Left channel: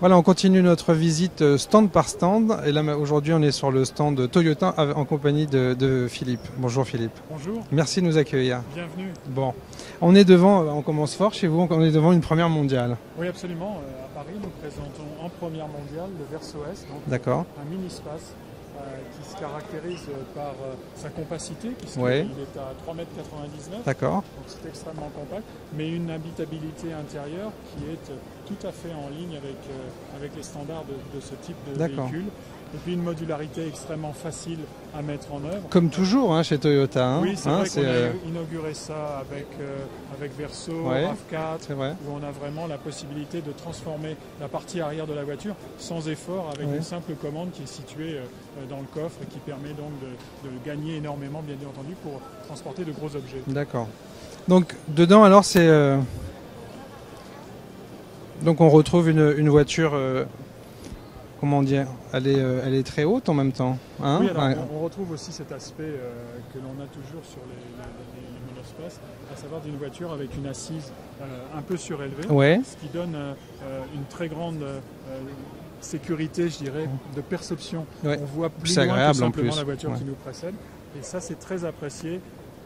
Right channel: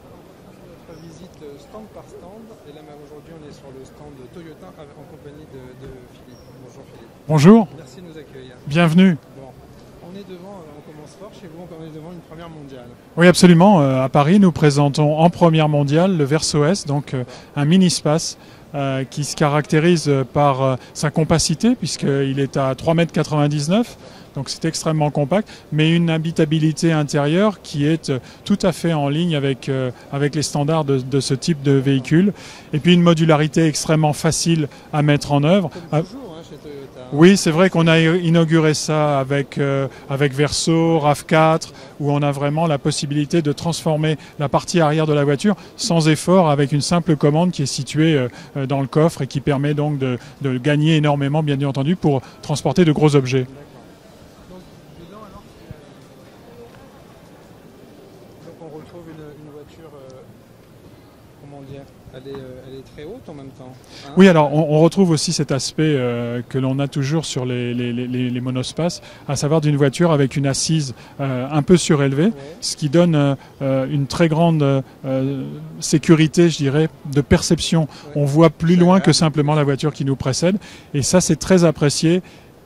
Voilà, on continue notre visite stand par stand. Et là, aujourd'hui, on est sur le stand Toyota en compagnie de Philippe. Bonjour Philippe. Bonjour. Merci de nous accueillir. Bienvenue. Bon, on est devant, on commence fort chez vous, on est devant une première mondiale. Oui, absolument. À Paris, nous présentons en première mondiale le Verso S, donc un mini-space qui se caractérise par sa compacité, puisqu'il est à 3,99 m. Donc c'est extrêmement compact, mais une habitabilité intérieure qui est tout à fait en ligne avec les standards de ce type de véhicule. Et puis une modularité extrêmement facile à mettre en œuvre. Comme toujours chez Toyota. Oui, c'est vrai qu'on a inauguré ça avec Verso, RAV4, où on a vraiment la possibilité de transformer la partie arrière de la voiture sans effort avec une simple commande qui est située dans le coffre et qui permet donc de gagner énormément, bien entendu, pour transporter de gros objets. D'accord. Donc dedans, alors, c'est... Donc on retrouve une voiture... Comment dire, elle est très haute en même temps. Hein, oui, alors on retrouve aussi cet aspect que l'on a toujours sur les monospaces, à savoir d'une voiture avec une assise un peu surélevée, ce qui donne une très grande sécurité, je dirais, de perception. On voit plus loin que simplement la voiture qui nous précède, et ça c'est très apprécié.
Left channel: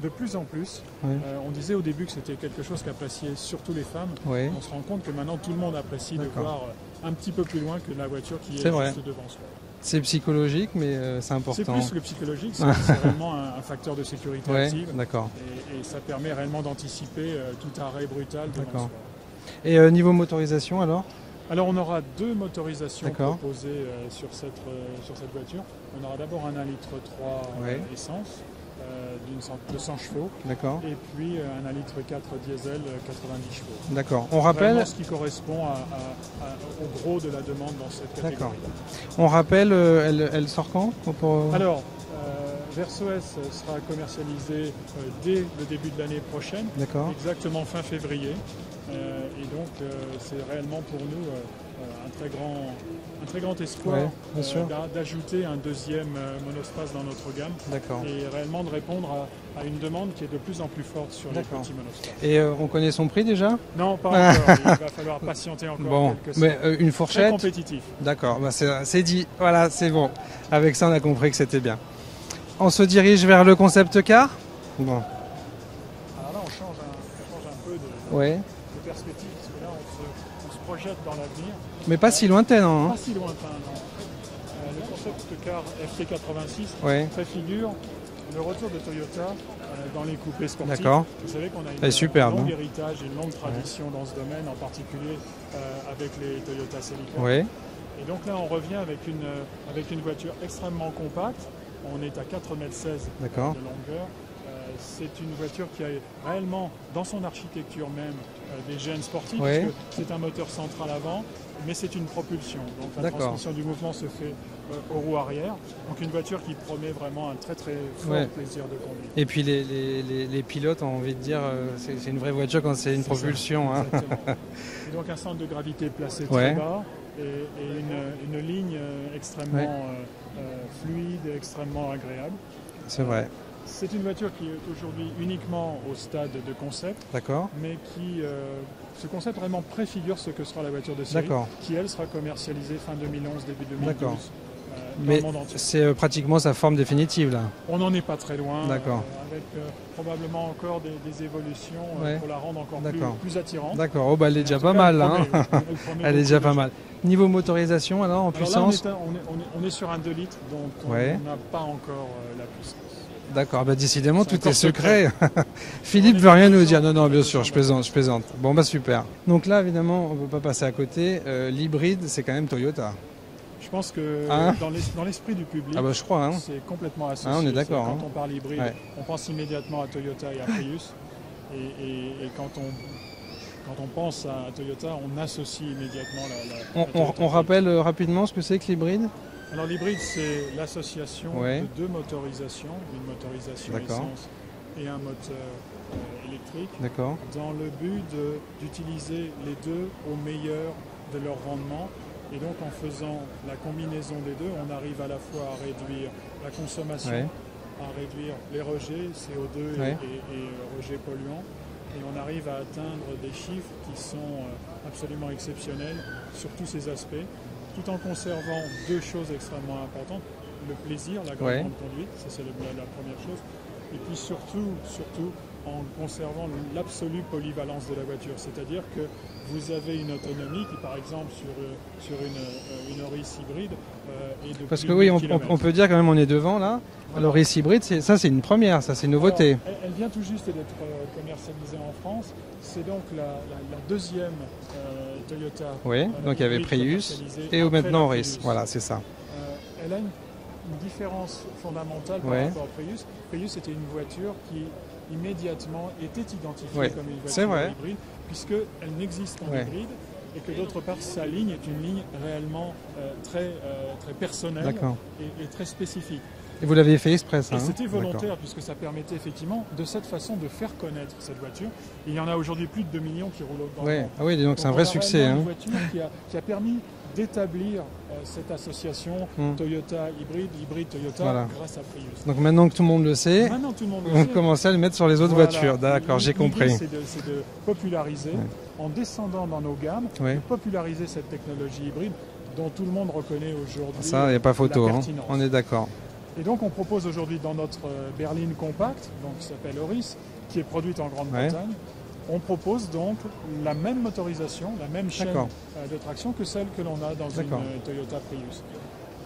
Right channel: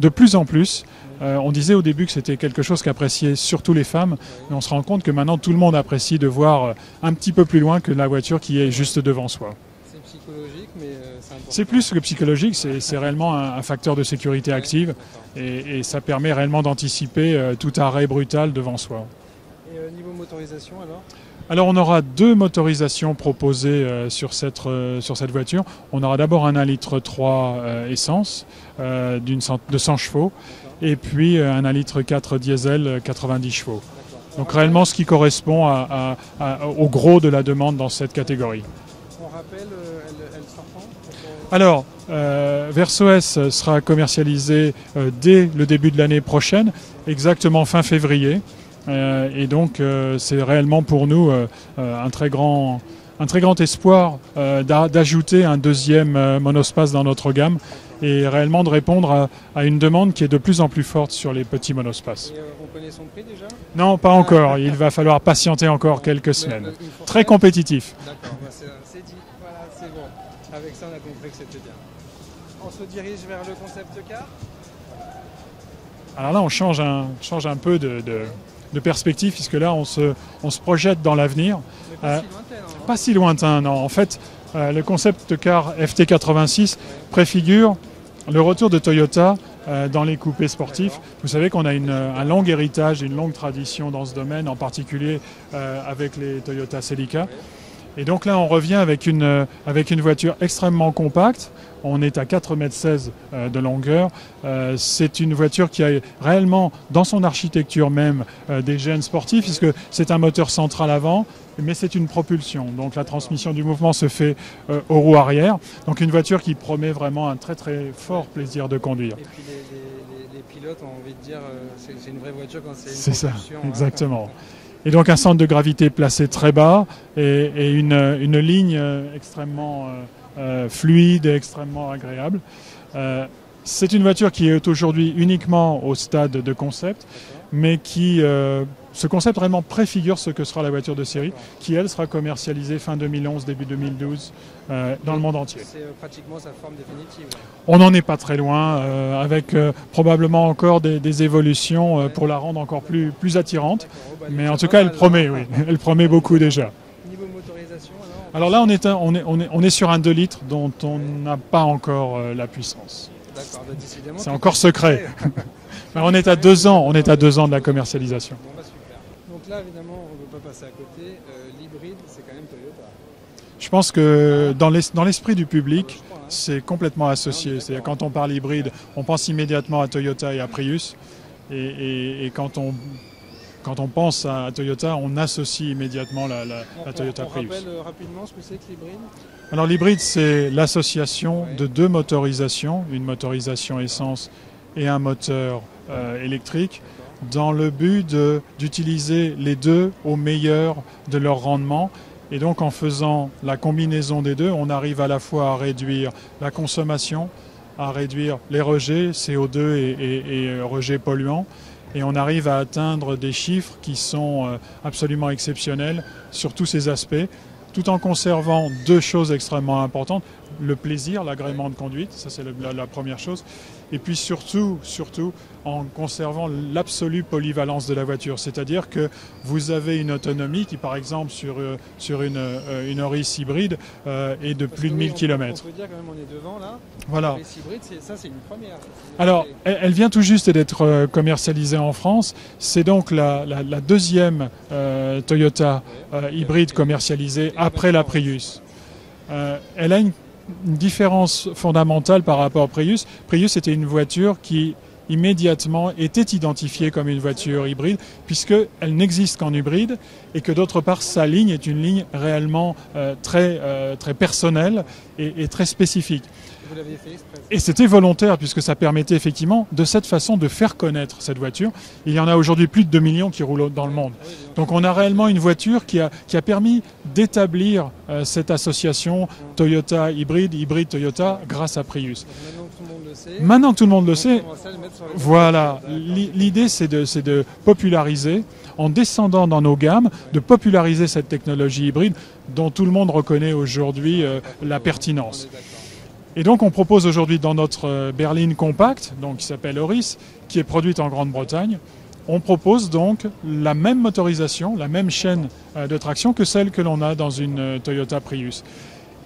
De plus en plus, on disait au début que c'était quelque chose qu'appréciaient surtout les femmes, mais on se rend compte que maintenant tout le monde apprécie de voir un petit peu plus loin que la voiture qui est juste devant soi. C'est psychologique, mais c'est important. C'est plus que psychologique, c'est réellement un facteur de sécurité active, et ça permet réellement d'anticiper tout arrêt brutal devant soi. Et niveau motorisation alors ? Alors on aura deux motorisations proposées sur cette voiture. On aura d'abord un 1,3 litre essence de 100 chevaux et puis un 1,4 litre diesel 90 chevaux. Donc réellement ce qui correspond au gros de la demande dans cette catégorie. On rappelle, elle sort quand ? Alors, Verso S sera commercialisé dès le début de l'année prochaine, exactement fin février. Et donc c'est réellement pour nous un très grand espoir d'ajouter un deuxième monospace dans notre gamme et réellement de répondre à une demande qui est de plus en plus forte sur les petits monospaces. Et on connaît son prix déjà ? Non, pas encore. Il va falloir patienter encore quelques semaines. Une fourchette ? Très compétitif. D'accord, c'est dit. Voilà, c'est bon. Avec ça, on a compris que c'était bien. On se dirige vers le concept car ? Alors là, on change un peu de perspective, puisque là on se projette dans l'avenir. Mais pas si lointain, non ? Pas si lointain, non. En fait, le concept car FT86 préfigure le retour de Toyota dans les coupés sportifs. Vous savez qu'on a un long héritage, une longue tradition dans ce domaine, en particulier avec les Toyota Celica. Et donc là, on revient avec une voiture extrêmement compacte. On est à 4,16 m de longueur. C'est une voiture qui a réellement, dans son architecture même, des gènes sportifs, puisque c'est un moteur central avant, mais c'est une propulsion. Donc la transmission du mouvement se fait aux roues arrière. Donc une voiture qui promet vraiment un très très fort plaisir de conduire. Et puis les pilotes ont envie de dire c'est une vraie voiture quand c'est une propulsion. Exactement. Et donc un centre de gravité placé très bas et une ligne extrêmement fluide et extrêmement agréable. C'est une voiture qui est aujourd'hui uniquement au stade de concept, mais qui, ce concept vraiment préfigure ce que sera la voiture de série, qui elle sera commercialisée fin 2011, début 2012 dans le monde entier. C'est pratiquement sa forme définitive là. On n'en est pas très loin, avec probablement encore des évolutions pour la rendre encore plus attirante. Mais en tout cas, elle promet beaucoup déjà. Niveau motorisation, alors là, on est sur un 2 litres dont on n'a pas encore la puissance. D'accord, décidément, c'est encore secret. On est à 2 ans, de la commercialisation. Bon, super. Donc là, évidemment, on ne peut pas passer à côté. L'hybride, c'est quand même Toyota. Je pense que dans l'esprit du public, c'est complètement associé. Quand on parle hybride, on pense immédiatement à Toyota et à Prius. Et quand on pense à Toyota, on associe immédiatement la Toyota. On rappelle rapidement ce que c'est que l'hybride ? Alors l'hybride, c'est l'association de deux motorisations, une motorisation essence et un moteur électrique, dans le but d'utiliser les deux au meilleur de leur rendement. Et donc en faisant la combinaison des deux, on arrive à la fois à réduire la consommation, à réduire les rejets CO2 et rejets polluants, et on arrive à atteindre des chiffres qui sont absolument exceptionnels sur tous ces aspects, tout en conservant deux choses extrêmement importantes. Le plaisir, l'agrément de conduite, ça c'est la première chose. Et puis surtout, en conservant l'absolue polyvalence de la voiture. C'est-à-dire que vous avez une autonomie qui, par exemple, sur une Auris hybride est de plus de 1000 km. On peut dire quand même on est devant là. Voilà. L'Auris hybride, ça c'est une première, ça c'est une nouveauté. Alors, elle vient tout juste d'être commercialisée en France. C'est donc la deuxième Toyota hybride commercialisée après la Prius. Voilà, c'est ça. Elle a une différence fondamentale par rapport au Prius. Prius était une voiture qui immédiatement était identifiée comme une voiture hybride, puisqu'elle n'existe qu'en hybride, et que d'autre part sa ligne est une ligne réellement très personnelle et très spécifique. Et vous l'aviez fait exprès, ça, et c'était volontaire, puisque ça permettait effectivement de cette façon de faire connaître cette voiture. Il y en a aujourd'hui plus de 2 millions qui roulent dans le monde. Ah oui, donc on a réellement une voiture qui a permis d'établir cette association Toyota hybride Toyota grâce à Prius. Donc maintenant que tout le monde le sait, on commence à le mettre sur les autres voitures. L'idée c'est de populariser, en descendant dans nos gammes, de populariser cette technologie hybride dont tout le monde reconnaît aujourd'hui la pertinence. On est d'accord. Et donc on propose aujourd'hui dans notre berline compacte, donc qui s'appelle Auris, qui est produite en Grande-Bretagne, on propose donc la même motorisation, la même chaîne de traction que celle que l'on a dans une Toyota Prius.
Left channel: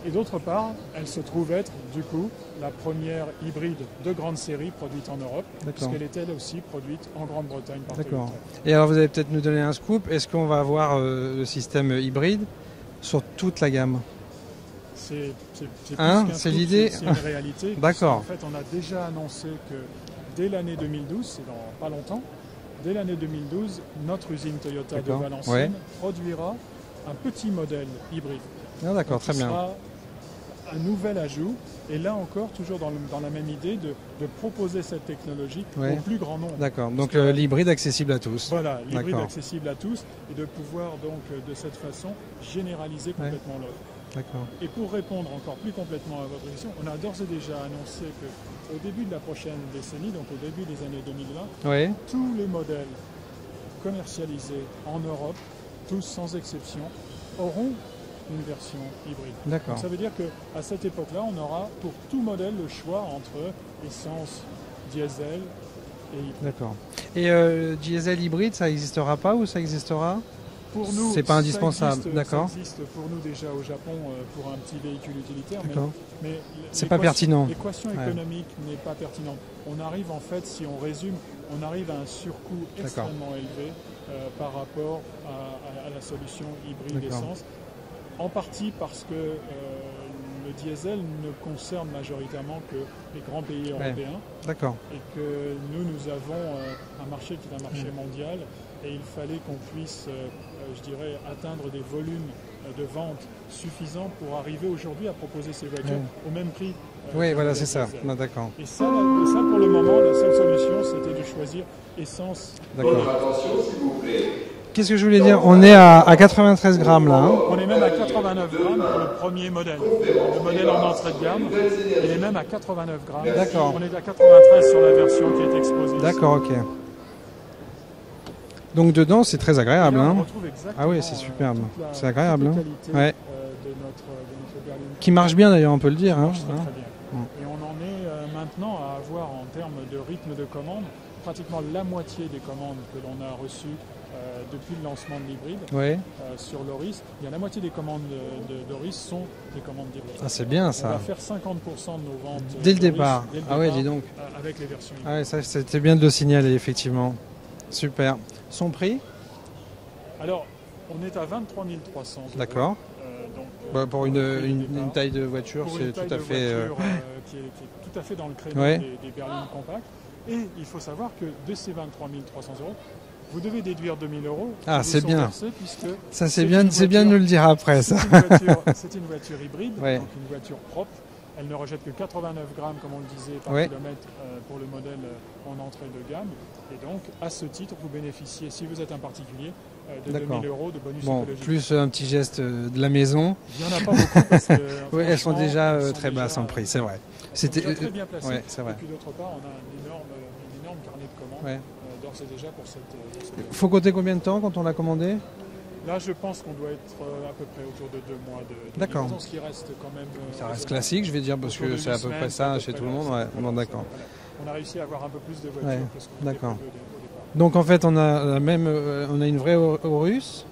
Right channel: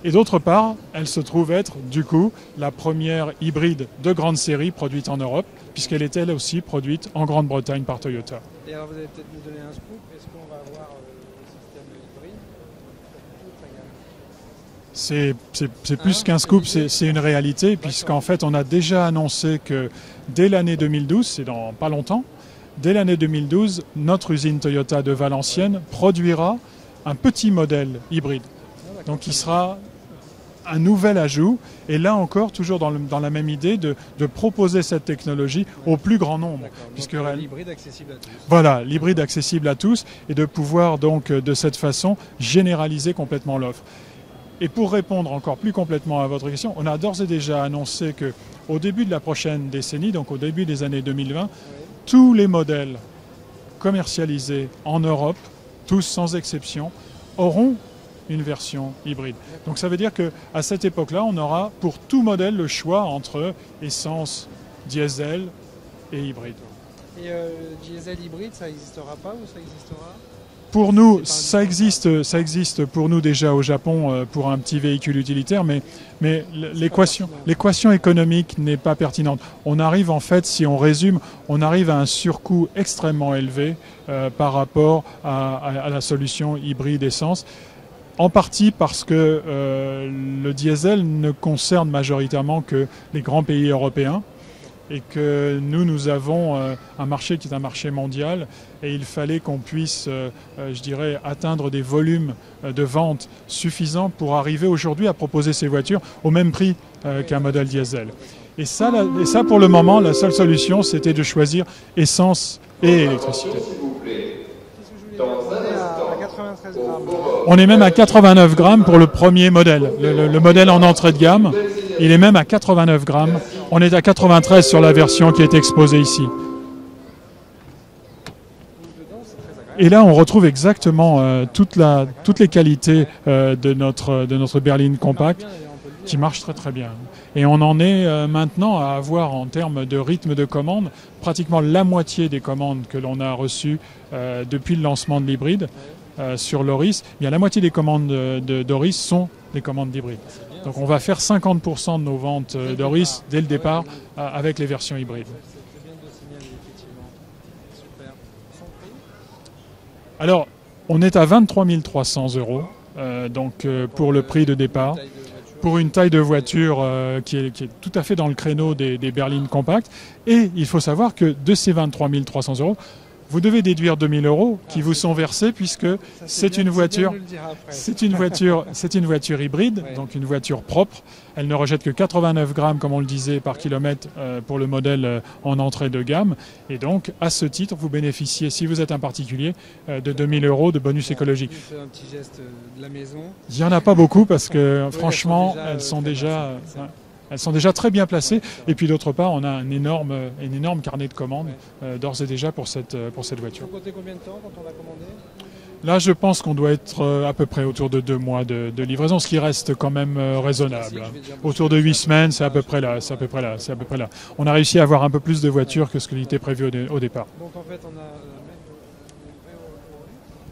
Et d'autre part, elle se trouve être du coup la première hybride de grande série produite en Europe, puisqu'elle est elle aussi produite en Grande-Bretagne par Toyota. Et alors vous allez peut-être nous donner un scoop, est-ce qu'on va avoir le système hybride sur toute la gamme ? C'est plus qu'un scoop, c'est une réalité, puisqu'en fait on a déjà annoncé que dès l'année 2012, c'est dans pas longtemps, dès l'année 2012, notre usine Toyota de Valenciennes produira un petit modèle hybride, donc qui sera un nouvel ajout, et là encore toujours dans la même idée de proposer cette technologie au plus grand nombre. D'accord, donc l'hybride accessible à tous. Voilà, l'hybride accessible à tous, et de pouvoir donc de cette façon généraliser complètement l'offre. Et pour répondre encore plus complètement à votre question, on a d'ores et déjà annoncé qu'au début de la prochaine décennie, donc au début des années 2020, tous les modèles commercialisés en Europe, tous sans exception, auront une version hybride. Donc ça veut dire qu'à cette époque-là, on aura pour tout modèle le choix entre essence, diesel et hybride. Et diesel hybride, ça n'existera pas ou ça existera ? Pour nous, ça existe pour nous déjà au Japon pour un petit véhicule utilitaire, mais l'équation économique n'est pas pertinente. On arrive en fait, si on résume, on arrive à un surcoût extrêmement élevé par rapport à la solution hybride essence. En partie parce que le diesel ne concerne majoritairement que les grands pays européens et que nous avons un marché qui est un marché mondial et il fallait qu'on puisse, je dirais, atteindre des volumes de vente suffisants pour arriver aujourd'hui à proposer ces voitures au même prix qu'un modèle diesel. Et ça, pour le moment, la seule solution, c'était de choisir essence et électricité. Qu'est-ce que je voulais dire ? On est à 93 grammes là. On est même à 89 grammes pour le premier modèle. Le modèle en entrée de gamme, il est même à 89 grammes. On est à 93 sur la version qui est exposée ici. Donc dedans, c'est très agréable. Et là, on retrouve exactement toutes les qualités de notre berline compacte. Qui marche bien d'ailleurs, on peut le dire. Qui marche très bien. Et on en est maintenant à avoir en termes de rythme de commande, pratiquement la moitié des commandes que l'on a reçues depuis le lancement de l'hybride sur l'Auris. Bien, la moitié des commandes d'Auris sont des commandes d'hybride. C'est bien. Donc, on va faire 50% de nos ventes d'Auris dès le départ avec les versions hybrides. C'était bien de le signaler, effectivement. Super. Son prix ? Alors, on est à 23 300 €, pour le prix de départ. Pour une taille de voiture qui est tout à fait dans le créneau des berlines compactes. Et il faut savoir que de ces 23 300 €, vous devez déduire 2 000 € qui vous sont versés, puisque c'est une voiture. Nous le dire après. C'est une voiture hybride, donc une voiture propre. Elle ne rejette que 89 grammes, comme on le disait, par kilomètre pour le modèle en entrée de gamme. Et donc, à ce titre, vous bénéficiez, si vous êtes un particulier, de 2 000 € de bonus écologique. Plus un petit geste de la maison. Il n'y en a pas beaucoup parce que, franchement, elles sont déjà c'est vrai. Elles sont déjà très bien placées. Et puis d'autre part, on a un énorme carnet de commandes d'ores et déjà pour cette voiture. Il faut compter combien de temps quand on l'a commandé ? Là, je pense qu'on doit être à peu près autour de 2 mois de livraison, ce qui reste quand même raisonnable. Classique, je vais dire, autour de 8 semaines, c'est à peu près là. On a réussi à avoir un peu plus de voitures que ce qui était prévu au départ. Donc en fait, on a une vraie Auris,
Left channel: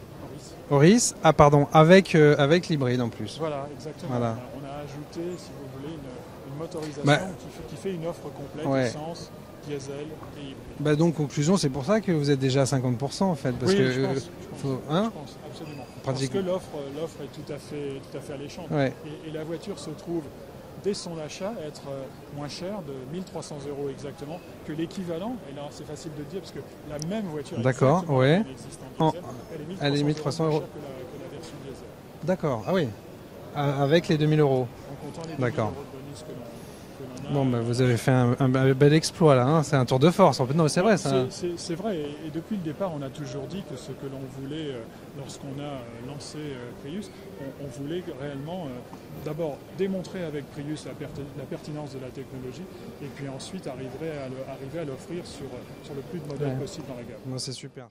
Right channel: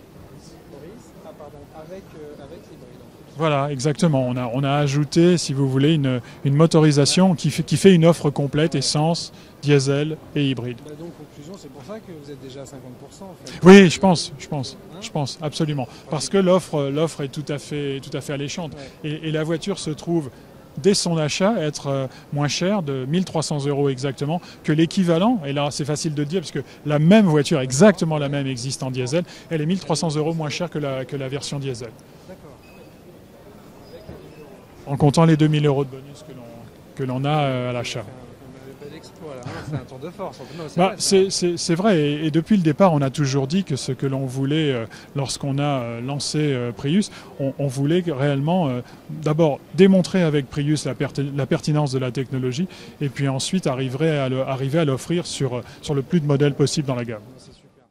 avec l'hybride en plus. Voilà, exactement. Voilà. On a ajouté, si vous voulez, une motorisation qui fait une offre complète, essence, diesel et hybride. Donc conclusion, c'est pour ça que vous êtes déjà à 50% en fait. Oui, je pense, absolument. Parce que l'offre est tout à fait alléchante. Et la voiture se trouve dès son achat être moins cher de 1 300 € exactement que l'équivalent, et là c'est facile de dire parce que la même voiture, exactement la même, existe en diesel, elle est 1 300 € moins chère que la version diesel. D'accord, ah oui, avec les 2 000 €. En comptant les 2 000 € de bonus que l'on a à vous avez fait un bel exploit là, c'est un tour de force. En fait, non, c'est vrai. C'est vrai, et depuis le départ, on a toujours dit que ce que l'on voulait, lorsqu'on a lancé Prius, on voulait réellement d'abord démontrer avec Prius la pertinence de la technologie, et puis ensuite arriver à l'offrir sur le plus de modèles possible dans la gamme. C'est super.